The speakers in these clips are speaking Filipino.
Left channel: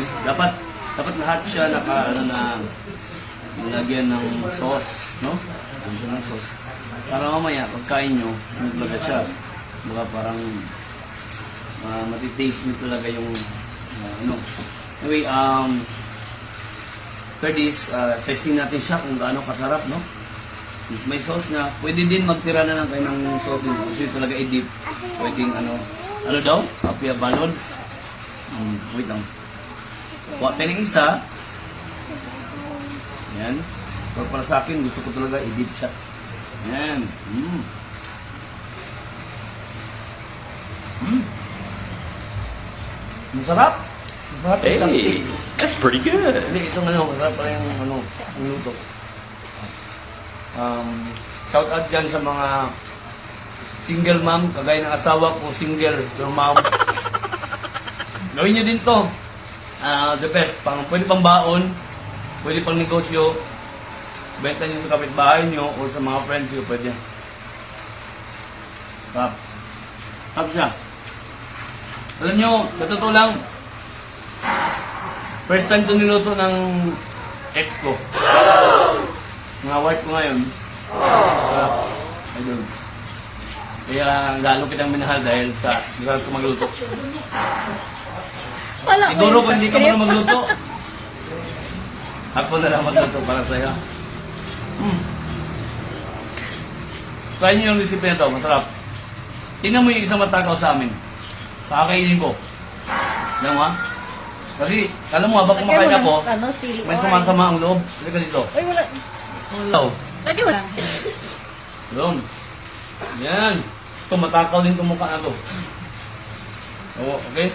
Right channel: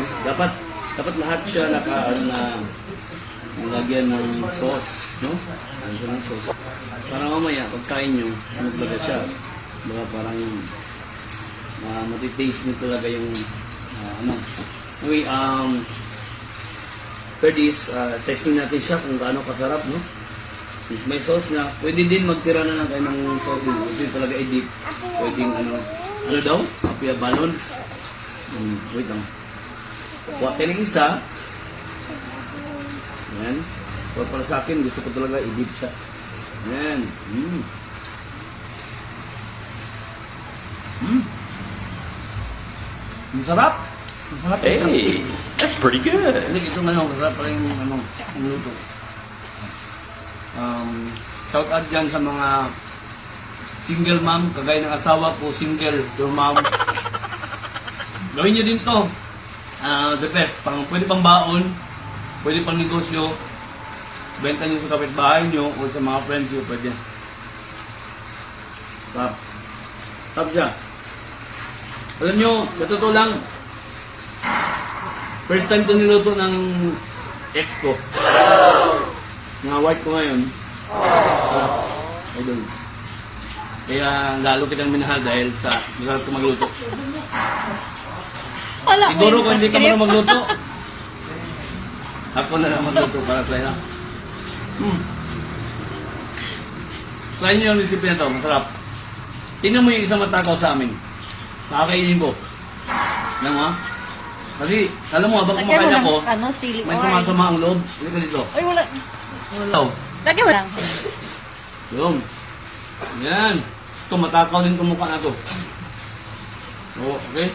Dapat lahat siya nalagyan ng sauce, no? Lagyan ng sauce. Para mamaya, pagkain nyo, maglaga siya. Baka parang matitaste nyo talaga yung Anyway, for this, testing natin siya kung gaano kasarap, no? Since may sauce niya, pwede din magtira na lang kayo ng sauce din. Gusto nyo talaga i-dip. Pwedeng ano daw? Kapia balon. Wait lang. Kuha kayo ng isa. Yan. Pero para sa akin, gusto ko talaga i-dip siya. Yan. Masarap. Masarap. Hey, that's pretty good. Hindi, ito masarap pa rin ang luto. Shout out dyan sa mga single mom, kagaya ng asawa ko, single, yung mom. Gawin nyo din to. The best. Pwede pang baon, pwede pang negosyo, benta nyo sa kapitbahay nyo o sa mga friends nyo, pwede. What? Tapos siya. Alam nyo, ito lang. First time ko niluto ng ex ko. Mga wife ko ngayon. Ayun. Kaya lalo kitang minahal dahil sa gusto ko magluto. Wala ko Siguro yung kung hindi ka script. mo magluto, ako na lang magluto para sa'yo. Try nyo yung recipe na ito, masarap. Tingnan mo yung isang matakaw sa amin. Pakakainin ko. Alam mo ha? Kasi, alam mo, habang Lagyan mo kumakain ng ako, sili may oil. sumasama ang loob. Hindi ka dito. Ay, wala. Hello. Lagyan mo lang. Yun. Yan. Ito, matakaw din itong mukha na ito. Oo, okay?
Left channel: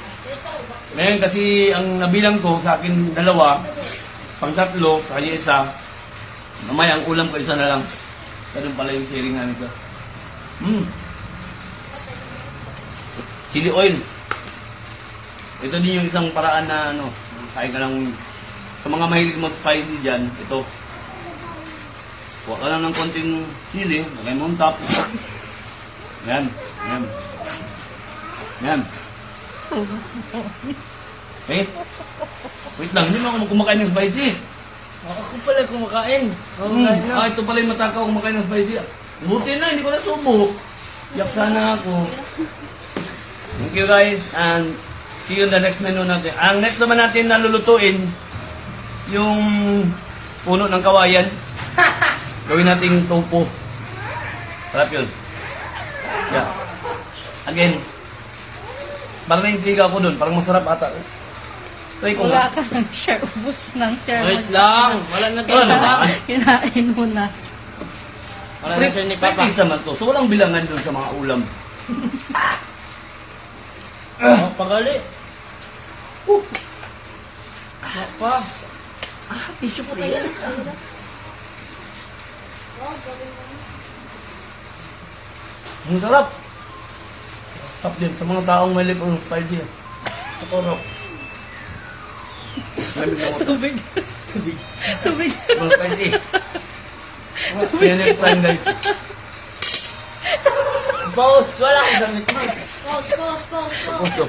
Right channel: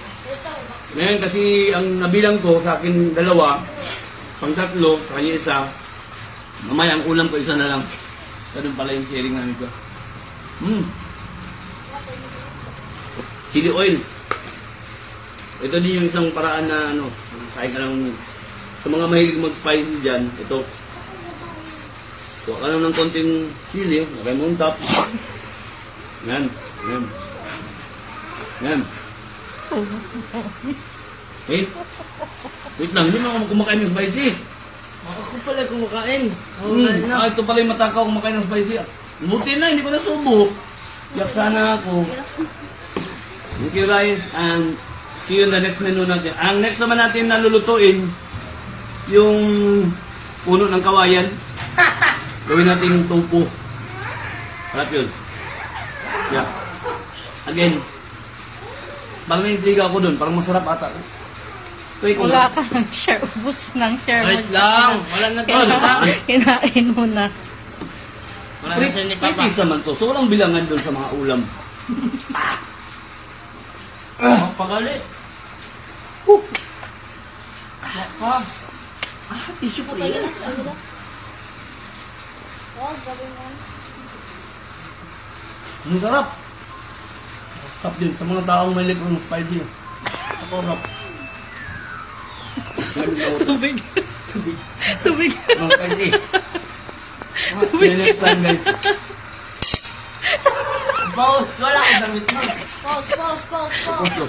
Ngayon kasi ang nabilang ko sa akin dalawa, pang tatlo, sa kanya isa. Mamaya ang ulam ko isa na lang. Ganun pala yung sharing namin ko. Chili oil. Ito din yung isang paraan na kahit na lang sa mga mahilig mag-spicy dyan, ito. Kuha ka lang ng konting chili, lagay mo on top. Yan, yan. Yan. Wait lang, hindi na ako kumakain ng spicy. Ako pala kumakain. Ito pala yung matakaw kumakain ng spicy. Buti na, hindi ko nasubo. Yak sana ako. Thank you guys, and see you in the next menu natin. Ang next naman natin na lulutuin, yung puno ng kawayan. Gawin nating tofu. Harap yun. Yeah. Again, parang na-intriga ako dun. Parang masarap ata. Try ko Wala lang. ka ng share. Ubus ng share. Wait lang. Wala na to. Hinain mo na. Wala na tinip pa. Practice naman to. So walang bilangan dun sa mga ulam. Pagali. Tissue po tayo. Ang sarap. Sarap din. Sa mga taong may lip ng spicy. Sa korap. Tubig. Tubig. Ang spicy. See you next time guys. Boss, wala. Gamit mo. Puso.